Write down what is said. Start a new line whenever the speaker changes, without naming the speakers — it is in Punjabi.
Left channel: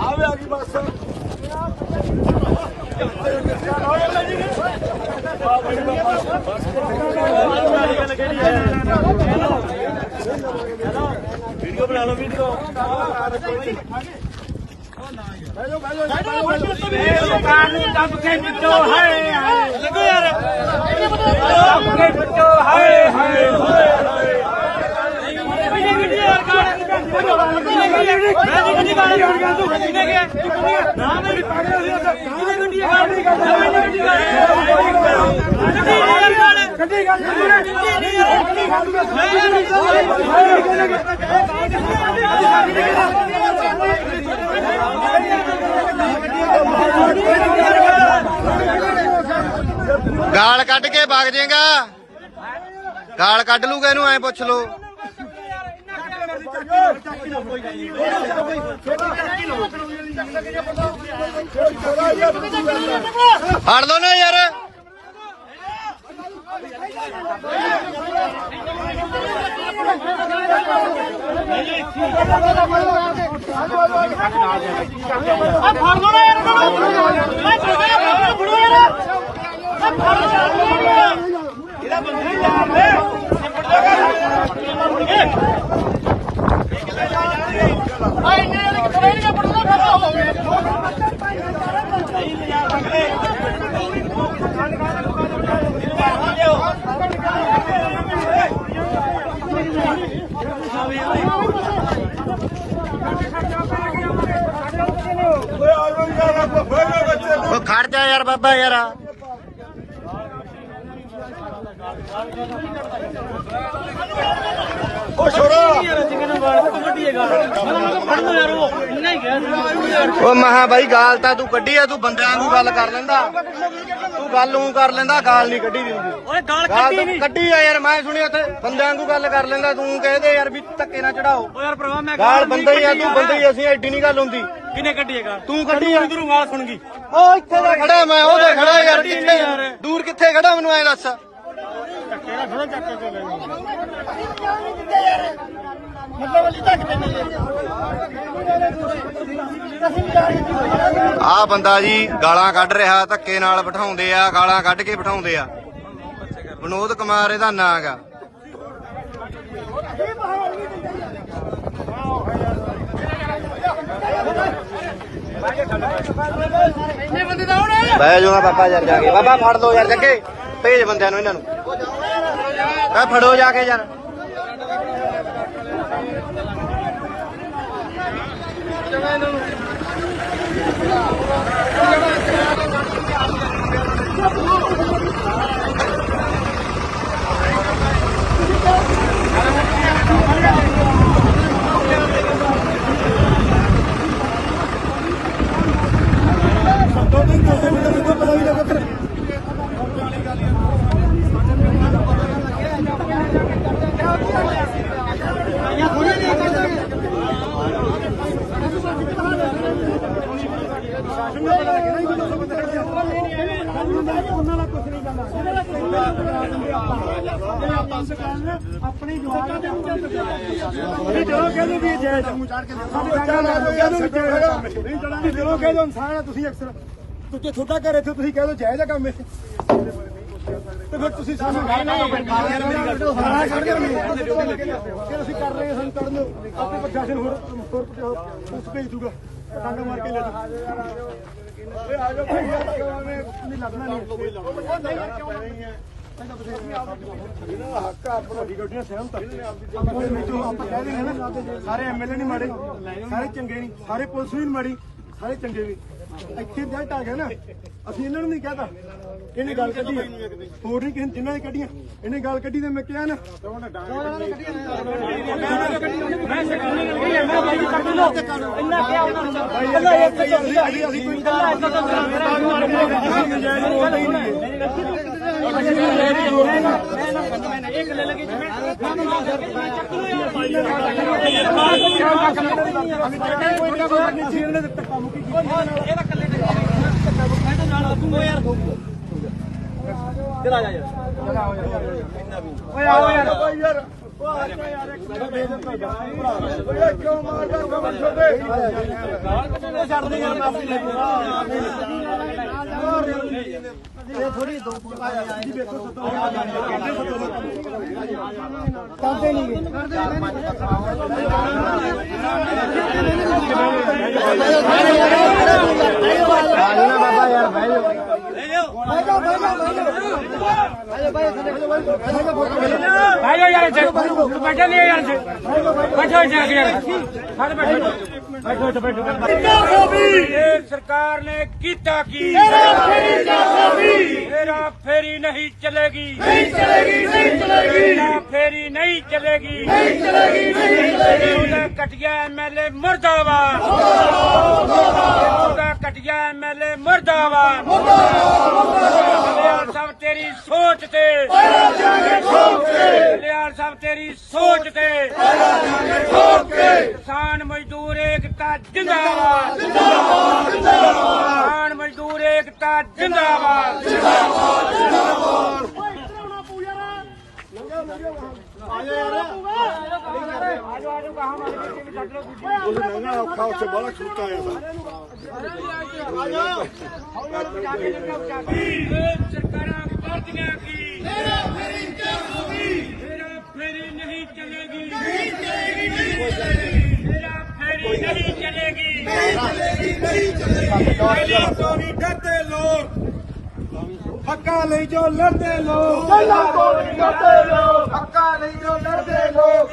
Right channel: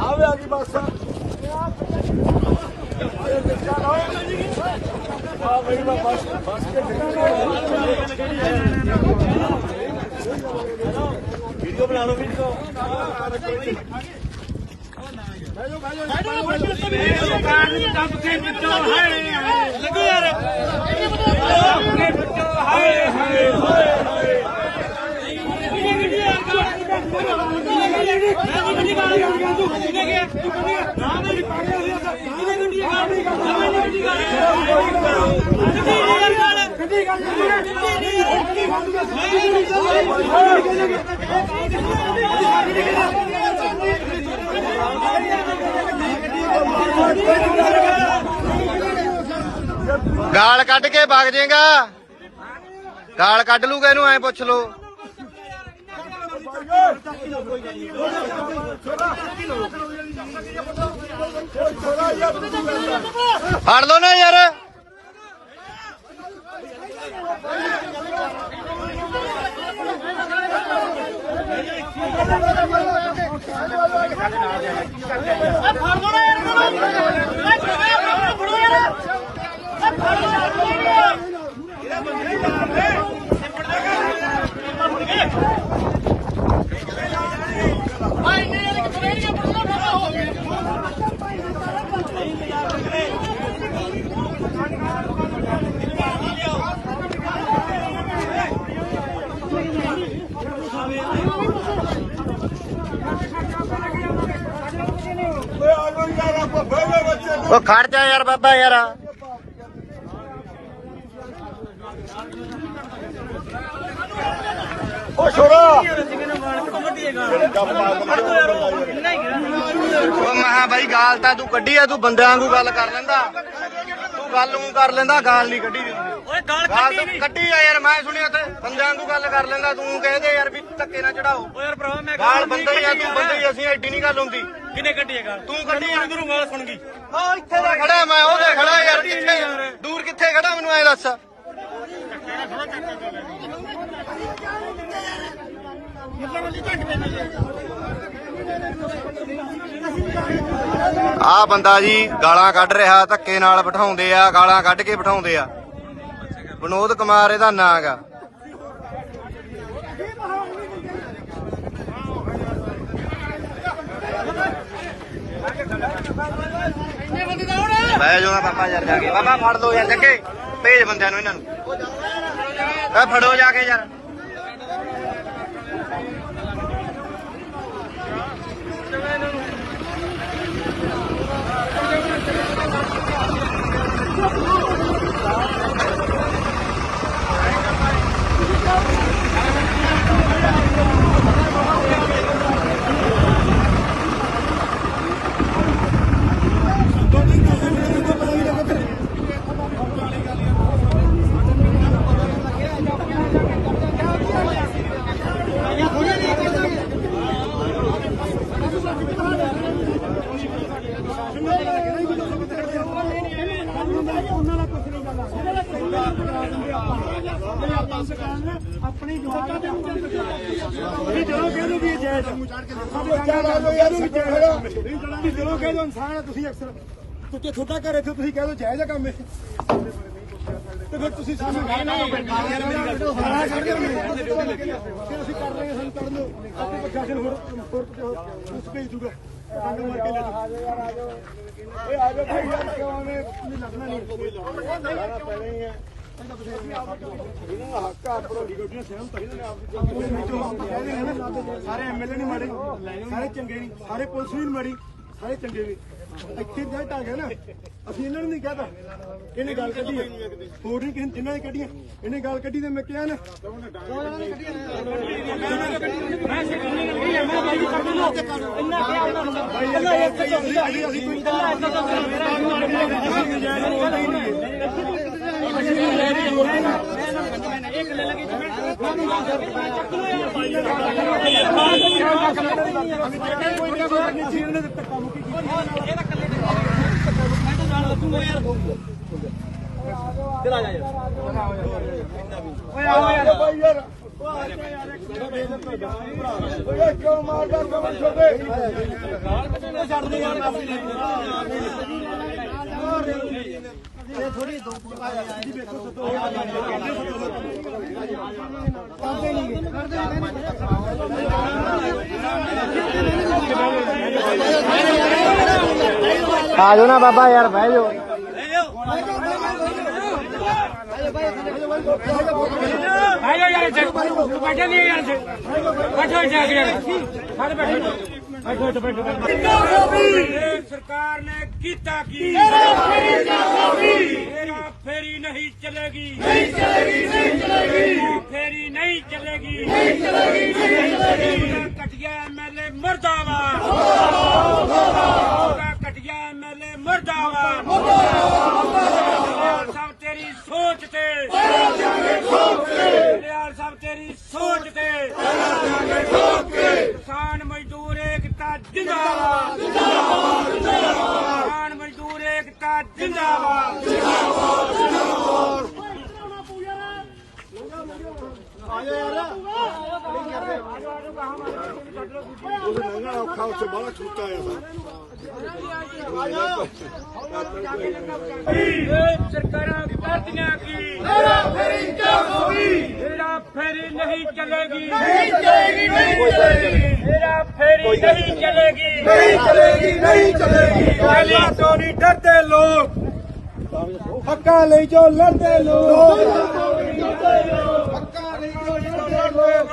ਆਵੇ ਆ ਗਈ ਬੱਸ। ਆ ਬਈ ਬੱਸ ਬੱਸ ਵੀਡੀਓ ਬਣਾ ਲਓ ਵੀਡੀਓ। ਬੈਜੋ ਬੈਜੋ ਬੈਜੋ ਦੁਕਾਨ ਨੂੰ ਦੱਬ ਕੇ ਵਿੱਚੋਂ ਹਾਏ ਹਾਏ ਲੱਗੋ ਯਾਰ ਵਿੱਚੋਂ ਹਾਏ ਹਾਏ ਹਾਏ
ਗਾਲ ਕੱਢ ਕੇ ਵਗ ਜੇਗਾ ਗਾਲ ਕੱਢ ਲੂਗਾ ਇਹਨੂੰ, ਐ ਪੁੱਛ ਲੋ ਫੜ ਲੋ ਨਾ ਯਾਰ। ਆ ਫਰਮਾ ਉਹ ਖੜ ਜਾ ਯਾਰ ਬਾਬਾ ਯਾਰ। ਉਹ ਮਹਾ ਬਾਈ ਗਾਲ ਤਾਂ ਤੂੰ ਕੱਢੀ ਆ ਤੂੰ ਬੰਦਿਆਂ ਵਾਂਗੂ ਗੱਲ ਕਰ ਲੈਂਦਾ। ਤੂੰ ਗੱਲ ਨੂੰ ਕਰ ਲੈਂਦਾ ਗਾਲ ਨਹੀਂ ਕੱਢੀ ਦੀ ਗਾਲ ਤਾਂ ਕੱਢੀ ਆ ਯਾਰ ਮੈਂ ਸੁਣੀ ਉੱਥੇ ਬੰਦਿਆਂ ਵਾਂਗੂ ਗੱਲ ਕਰ ਲੈਂਦਾ ਤੂੰ ਕਹਦੇ ਯਾਰ ਵੀ ਧੱਕੇ ਨਾ ਚੜਾਓ। ਗਾਲ ਬੰਦੇ ਹੀ ਆ ਤੂੰ ਬੰਦੇ ਹੀ ਅਸੀਂ ਐਡੀ ਨਹੀਂ ਗੱਲ ਹੁੰਦੀ।
ਕਿਨੇ ਕੱਢੀਏਗਾ
ਤੂੰ ਕੱਢੀ ਆ।
ਤੈਨੂੰ ਆਵਾਜ਼ ਸੁਣ ਗਈ।
ਉਹ ਇੱਥੇ ਦਾ ਖੜਾ ਮੈਂ ਉਹਦੇ ਖੜਾ ਯਾਰ ਕਿੱਥੇ? ਦੂਰ ਕਿੱਥੇ ਖੜਾ ਮੈਨੂੰ ਐ ਦੱਸ? ਆ ਬੰਦਾ ਜੀ ਗਾਲਾਂ ਕੱਢ ਰਿਹਾ ਧੱਕੇ ਨਾਲ ਬਿਠਾਉਂਦੇ ਆ ਗਾਲਾਂ ਕੱਢ ਕੇ ਬਿਠਾਉਂਦੇ ਆ। ਵਿਨੋਦ ਕੁਮਾਰ ਇਹਦਾ ਨਾਂ ਹੈਗਾ। ਬਹਿ ਜਾਓ ਨਾ ਪਾਪਾ ਯਾਰ ਜਾ ਕੇ। ਬਾਬਾ ਫੜ ਲਓ ਯਾਰ ਜੱਗੇ। ਭੇਜ ਬੰਦਿਆਂ ਨੂੰ ਇਹਨਾਂ ਨੂੰ। ਕਹ ਫੜੋ ਜਾ ਕੇ ਯਾਰ।
ਆਪਣੀ ਜਵਾਬ ਦੇ ਨਹੀਂ ਚਲੋ ਕਹਿ ਦੋ ਵੀ ਇਹ ਜਾਇਜ਼ ਕੇ ਸਾਡੀ ਸੰਗਾਂ ਮੰਨ ਲਓ ਕਹਿ ਦੋ ਵੀ ਜਾਇਜ਼ ਕੰਮ ਹੈ ਨਹੀਂ ਚੜਾ ਵੀ ਚਲੋ ਕਹਿ ਦੋ ਇਨਸਾਨ ਆ ਤੁਸੀਂ ਅਕਸਰ ਤੁੱਕੇ ਤੁਹਾਡਾ ਘਰ ਇੱਥੇ ਤੁਸੀਂ ਕਹਿ ਦੋ ਜਾਇਜ਼ ਕੰਮ ਇਹ। ਤੇ ਫਿਰ ਤੁਸੀਂ ਸਾਨੂੰ ਨਹੀਂ ਨਹੀਂ ਸਾਰਾ ਛੱਡ ਦਿਓ ਫਿਰ ਅਸੀਂ ਕਰ ਰਹੇ ਹਾਂ ਸਾਨੂੰ ਕਰਨ ਆਪੇ ਪ੍ਰਸ਼ਾਸਨ ਹੋਰ ਹੋਰ ਉਸ ਭੇਜ ਦੂਗਾ। ਡਾਂਗਾ ਮਾਰ ਕੇ ਲੈ ਜਾਓ। ਲੱਗਣਾ ਨਹੀਂ। ਉਹ ਨਹੀਂ ਯਾਰ ਕਿਉਂ ਸਾਰੇ ਐਮਐਲਏ ਨਹੀਂ ਮਾੜੇ ਸਾਰੇ ਚੰਗੇ ਨਹੀਂ ਸਾਰੇ ਪੁਲਿਸ ਵੀ ਨਹੀਂ ਮਾੜੀ ਸਾਰੇ ਚੰਗੇ ਵੀ ਇੱਥੇ ਰਿਜ਼ਲਟ ਆ ਗਿਆ ਨਾ ਅਸੀਂ ਇਹਨਾਂ ਨੂੰ ਨਹੀਂ ਕਹਤਾ ਇਹਨੇ ਗੱਲ ਕੱਢੀ। ਹੋਰ ਨਹੀਂ ਕਿਸੇ ਜਿਨ੍ਹਾਂ ਨੇ ਕੱਢੀਆਂ ਇਹਨੇ ਗੱਲ ਕੱਢੀ ਤੇ ਮੈਂ ਕਿਹਾ ਨਾ ਦੋ ਜੀ ਵੇਖੋ ਸਤੋ ਕਰਦੇ ਨਹੀਂ
ਆ ਜਾਓ ਨਾ ਬਾਬਾ ਯਾਰ ਬਹਿ ਜਾਓ।
ਭਾਈਓ ਯਾਰ ਇੱਥੇ ਤੂੰ ਬੈਠਾ ਨਹੀਂ ਯਾਰ ਇੱਥੇ ਬੈਠੋ ਇੱਥੇ ਆ ਕੇ ਯਾਰ ਸਾਰੇ ਬੈਠੋ ਬੈਠੋ ਇੱਥੇ ਬੈਠੋ ਇਹ ਸਰਕਾਰ ਨੇ ਕੀਤਾ ਕੀ ਮੇਰਾ ਫੇਰੀ ਨਹੀਂ ਚਲੇਗੀ ਨਹੀਂ ਚਲੇਗੀ ਨਹੀਂ ਚਲੇਗੀ ਫੇਰੀ ਨਹੀਂ ਚਲੇਗੀ ਨਹੀਂ ਚਲੇਗੀ ਨਹੀਂ ਤੇਰੀ ਸੋਚ ਤੇ। ਲਿਆਲ ਸਾਹਿਬ, ਤੇਰੀ ਸੋਚ ਤੇ। ਕਿਸਾਨ ਮਜ਼ਦੂਰ ਏਕਤਾ ਜਿੰਦਾਬਾਦ ਜਿੰਦਾਬਾਦ। ਕਿਸਾਨ ਮਜ਼ਦੂਰ ਏਕਤਾ ਜਿੰਦਾਬਾਦ।
ਲੰਘਣਾ ਔਖਾ ਉੱਥੇ ਬੜਾ ਛੂਟਾ ਆ
ਇਹ ਸਰਕਾਰਾਂ ਕਰਦੀਆਂ ਕੀ ਮੇਰਾ ਫੇਰੀ ਕਿਉਂ ਹੋਗੀ ਮੇਰਾ ਫੇਰੀ ਨਹੀਂ ਚੱਲੇਗੀ ਨਹੀਂ ਚੱਲੇਗੀ। ਨਹੀਂ ਚੱਲੇਗੀ ਮੇਰਾ ਫੇਰੀ ਨਹੀਂ ਚੱਲੇਗੀ। ਨਹੀਂ ਚੱਲੇਗੀ ਨਹੀਂ ਚੱਲੇਗੀ। ਪਹਿਲਾਂ ਤੋਂ ਨਹੀਂ ਡਰਦੇ ਲੋਕ।
ਹੱਕਾਂ ਲਈ ਜੋ ਲੜਦੇ ਲੋਕ। ਹੱਕਾਂ ਲਈ ਜੋ ਲੜਦੇ
ਲੋਕ।